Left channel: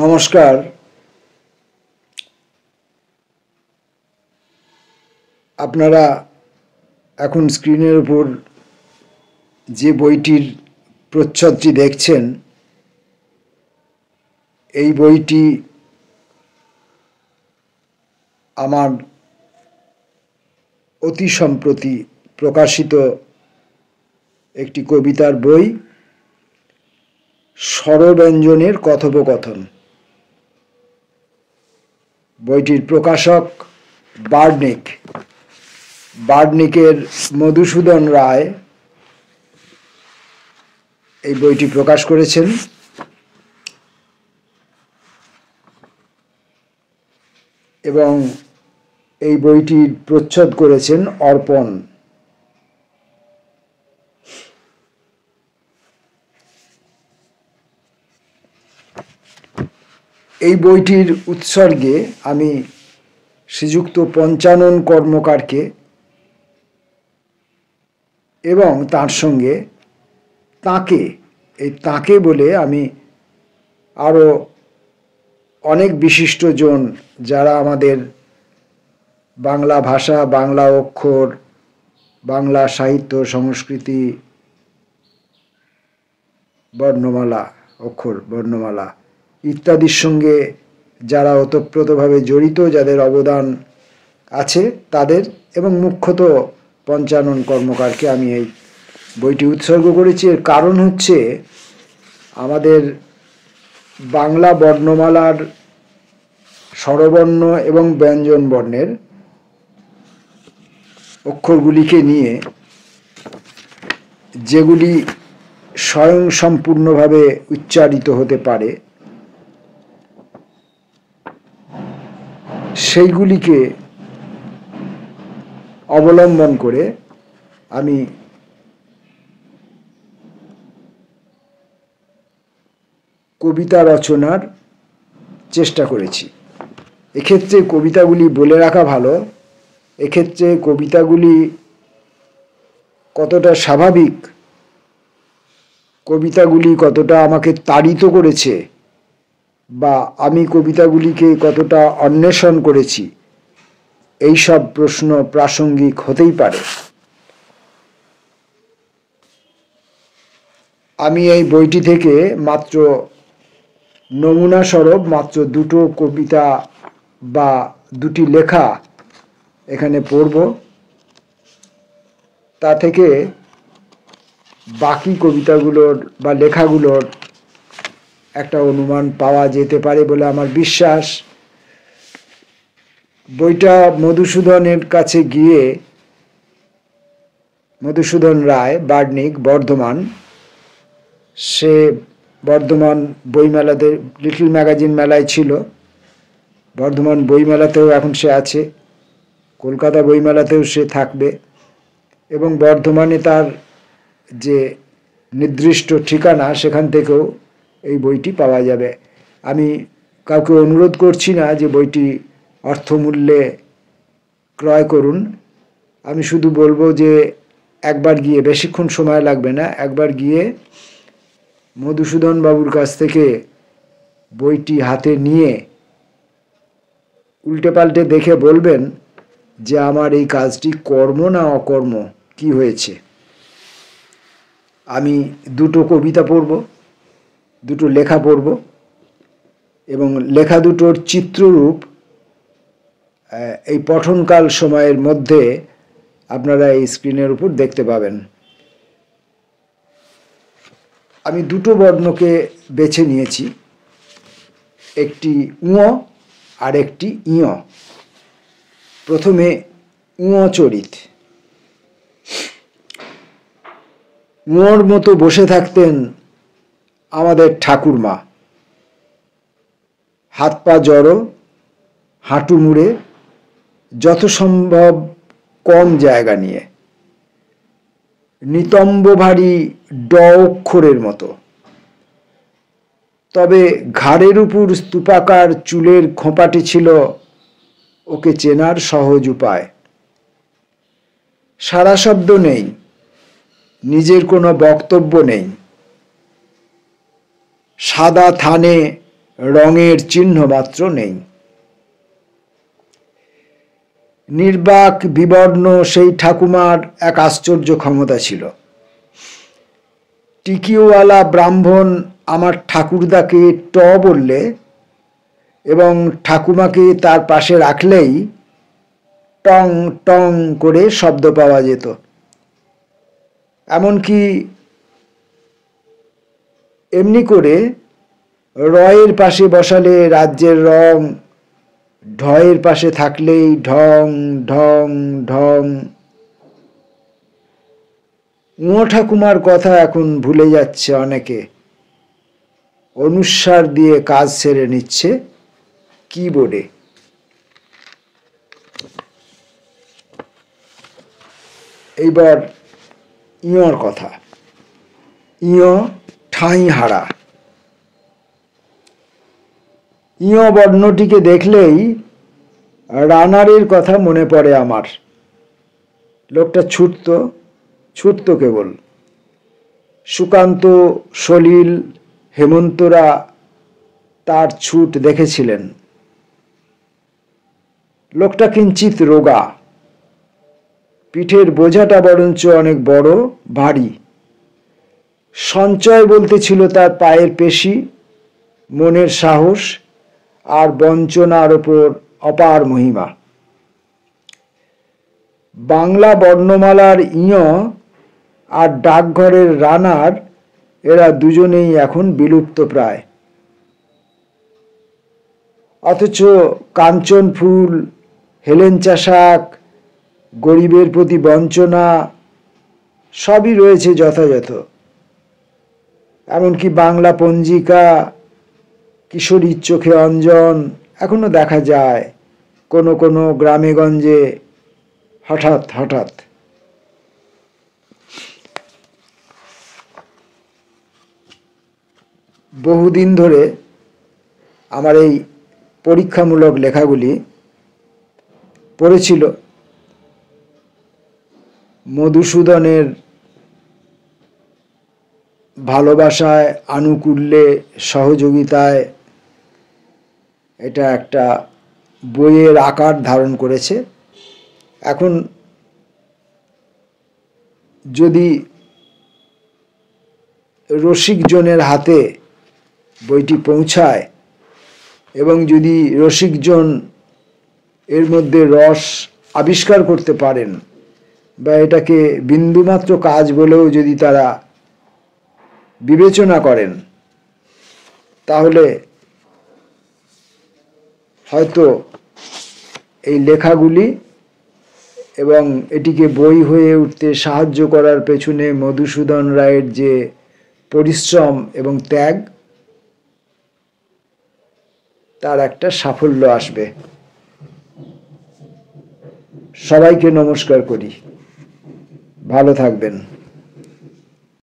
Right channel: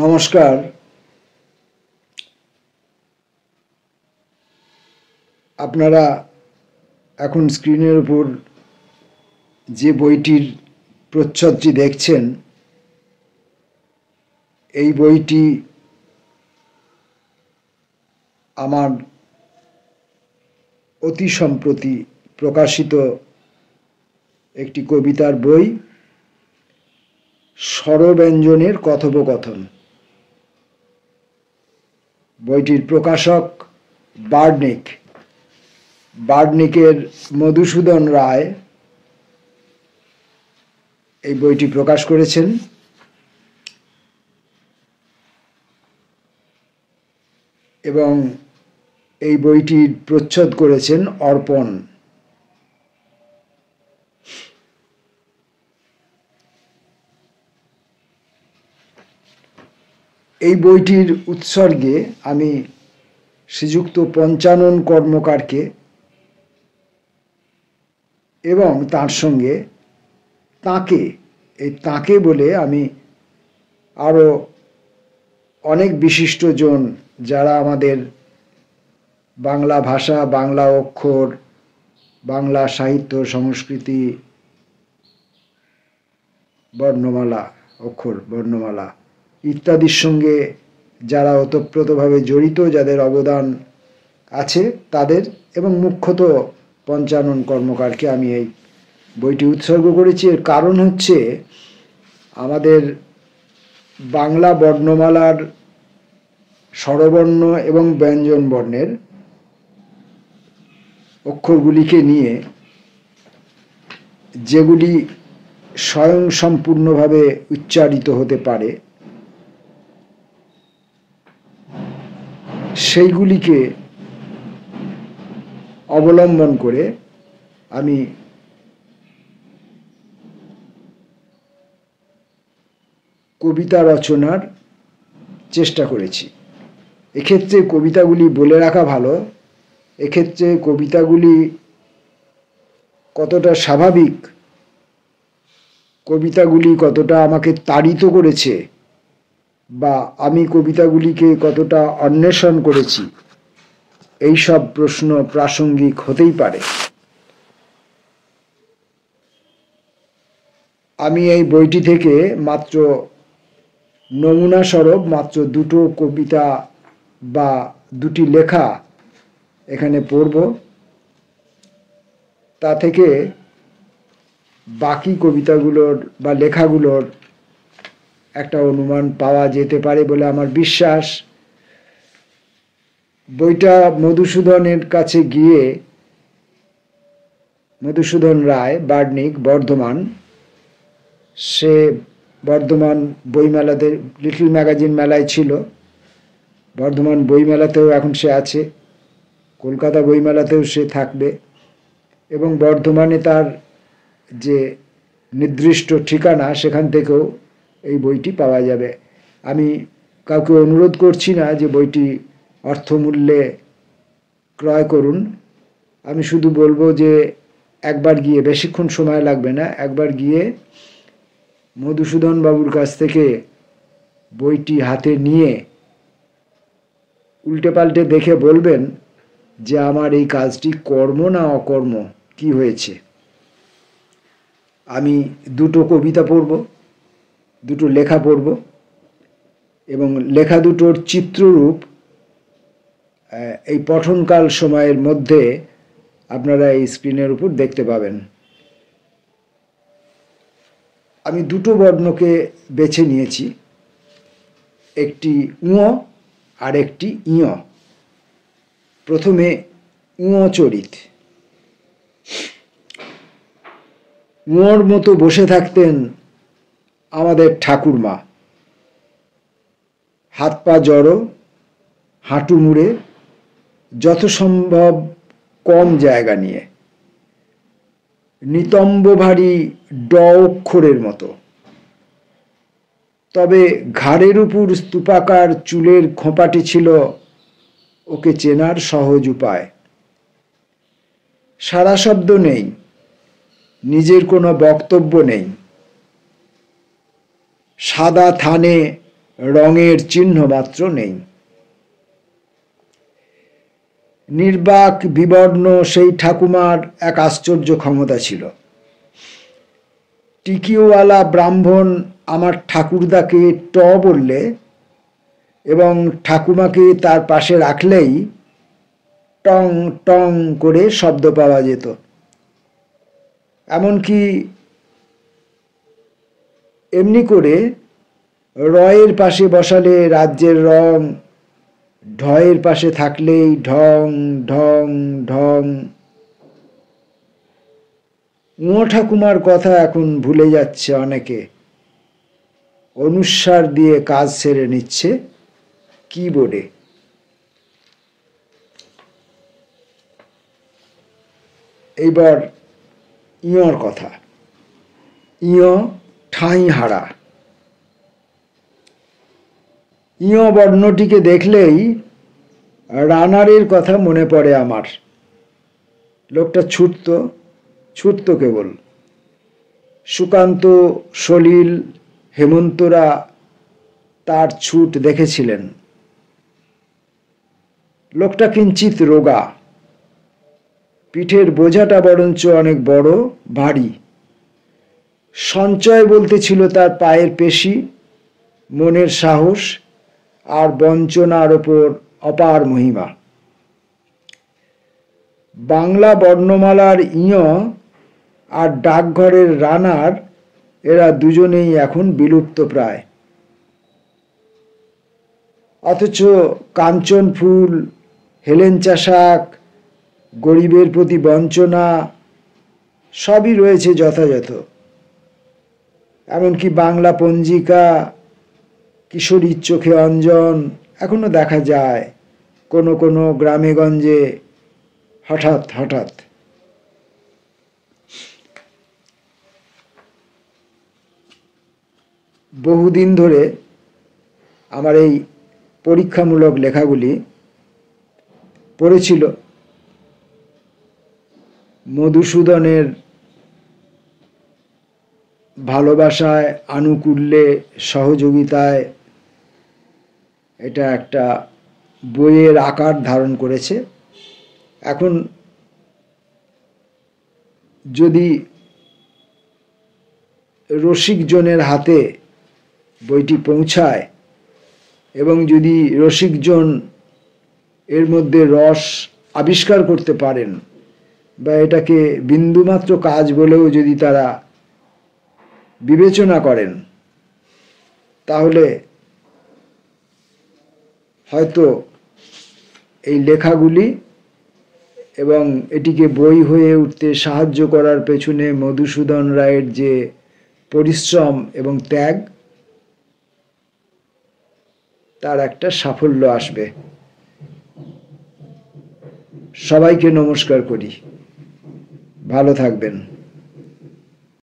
নমস্কার। আপনারা এখন স্ক্রিনের উপর যে বইটির প্রচ্ছদটি দেখছেন, এই বইটি আমার অতি সম্প্রতি প্রকাশিত একটি কবিতার বই, স্বরব্যঞ্জনের কথোপকথন। বইটির প্রকাশক বার্ডনিক। বার্ডনিকের মধুসূদন রায় এই বইটি প্রকাশ করেছেন এবং এই বইটির প্রচ্ছদ করেছেন অর্পণ। এই বইটির উৎসর্গে আমি শ্রীযুক্ত পঞ্চানন কর্মকারকে এবং তার সঙ্গে তাকে বলে আমি আরও অনেক বিশিষ্টজন যারা আমাদের বাংলা ভাষা, বাংলা অক্ষর, বাংলা সাহিত্য, সংস্কৃতি, বর্ণমালা ইত্যাদির সঙ্গে যারা ওতপ্রোতভাবে জড়িত, যাদের অবদান আছে তাদের, এবং মুখ্যত পঞ্চানন কর্মকারকে আমি এই বইটি উৎসর্গ করেছি। এর কারণ হচ্ছে আমাদের বাংলা বর্ণমালার স্বরবর্ণ এবং ব্যঞ্জন বর্ণের অক্ষরগুলিকে নিয়ে যেগুলি স্বয়ংসম্পূর্ণভাবে উচ্চারিত হতে পারে সেইগুলিকে অবলম্বন করে আমি কবিতা রচনার চেষ্টা করেছি। এক্ষেত্রে কবিতাগুলি বলে রাখা ভালো, এক্ষেত্রে কবিতাগুলি কতটা স্বাভাবিক, কবিতাগুলি কতটা আমাকে তাড়িত করেছে, বা আমি কবিতাগুলিকে কতটা অন্বেষণ করেছি, এই সব প্রশ্ন প্রাসঙ্গিক হতেই পারে। আমি এই বইটি থেকে মাত্র নমুনা স্বরূপ মাত্র দুটো কবিতা বা দুটি লেখা এখানে পড়ব। তা থেকে বাকি কবিতাগুলোর বা লেখাগুলোর একটা অনুমান পাওয়া যেতে পারে বলে আমার বিশ্বাস। বইটা মধুসূদনের কাছে গিয়ে, মধুসূদন রায়, বার্ডনিক, বর্ধমান, সে বর্ধমান বইমেলাতে, লিটল ম্যাগাজিন মেলায় ছিল, বর্ধমান বইমেলাতেও এখন সে আছে, কলকাতা বইমেলাতেও সে থাকবে, এবং বর্ধমানে তার যে নির্দিষ্ট ঠিকানা সেখান থেকেও এই বইটি পাওয়া যাবে। আমি কাউকে অনুরোধ করছি না যে বইটি অর্থমূল্যে ক্রয় করুন। আমি শুধু বলবো যে একবার গিয়ে, বেশিক্ষণ সময় লাগবে না, একবার গিয়ে মধুসূদন বাবুর কাছ থেকে বইটি হাতে নিয়ে উল্টে পাল্টে দেখে বলবেন যে আমার এই কাজটি কর্ম না অকর্ম, কি হয়েছে। আমি দুটো কবিতা পড়ব, দুটো লেখা পড়ব, এবং লেখা দুটোর চিত্ররূপ এই পঠনকাল সময়ের মধ্যে আপনারা এই স্ক্রিনের উপর দেখতে পাবেন। আমি দুটো বর্ণকে বেছে নিয়েছি, একটি ঙ আর একটি ঞ। প্রথমে ঙ চরিত। ঙর মতো বসে থাকতেন আমাদের ঠাকুরমা, হাত পা জড়ো, হাঁটু মুড়ে, যত সম্ভব কম জায়গা নিয়ে, নিতম্ব ভারী ড অক্ষরের মতো। তবে ঘাড়ের উপর স্তূপাকার চুলের খোঁপাটি ছিল ওকে চেনার সহজ উপায়। সারা শব্দ নেই, নিজের কোনো বক্তব্য নেই। সাদা থানে রঙের চিহ্ন মাত্র নেই। নির্বাক বিবর্ণ সেই ঠাকুমার এক আশ্চর্য ক্ষমতা ছিল। টিকিওয়ালা ব্রাহ্মণ আমার ঠাকুরদাকে ট বললে এবং ঠাকুমাকে তার পাশে রাখলেই টং টং করে শব্দ পাওয়া যেত। এমনকি এমনি করে রয়ের পাশে বসালে রাজ্যের রং, ঢয়ের পাশে থাকলেই ঢং ঢং ঢং। ঠাকুমার কথা এখন ভুলে যাচ্ছে অনেকে, অনুস্বার দিয়ে কাজ সেরে নিচ্ছে কিবোর্ডে। এইবার ইয়র কথা। ইয় ঠাঁই হারা। ইয় বর্ণটিকে দেখলেই রানারের কথা মনে পড়ে আমার। লোকটা ছুটতো কেবল। সুকান্ত, সলিল, হেমন্তরা তার ছুট দেখেছিলেন। লোকটা কিঞ্চিত রোগা, পিঠের বোঝাটা বরঞ্চ অনেক বড় ভারী। সঞ্চয় বলতে ছিল তার পায়ের পেশি, মনের সাহস আর বঞ্চনার ওপর অপার মহিমা। বাংলা বর্ণমালার ইয় আর ডাকঘরের রানার, এরা দুজনেই এখন বিলুপ্ত প্রায়। অথচ কাঞ্চন ফুল, হেলেঞ্চা শাক, গরিবের প্রতি বঞ্চনা সবই রয়েছে যথাযথ। এমনকি বাংলা পঞ্জিকা, কিশোরীর চোখে অঞ্জন এখনো দেখা যায় কোনো কোনো গ্রামে গঞ্জে হঠাৎ হঠাৎ। বহুদিন ধরে আমার এই পরীক্ষামূলক লেখাগুলি পড়েছিল মধুসূদনের ভালোবাসায়, আনুকূল্যে, সহযোগিতায় এটা একটা বইয়ের আকার ধারণ করেছে। এখন যদি রসিকজনের হাতে বইটি পৌঁছায় এবং যদি রসিকজন এর মধ্যে রস আবিষ্কার করতে পারেন বা এটাকে বিন্দুমাত্র কাজ বলেও যদি তারা বিবেচনা করেন, তাহলে হয়তো এই লেখাগুলি এবং এটিকে বই হয়ে উঠতে সাহায্য করার পেছনে মধুসূদন রায়ের যে পরিশ্রম এবং ত্যাগ, তার একটা সাফল্য আসবে। সবাইকে নমস্কার করি। ভালো থাকবেন।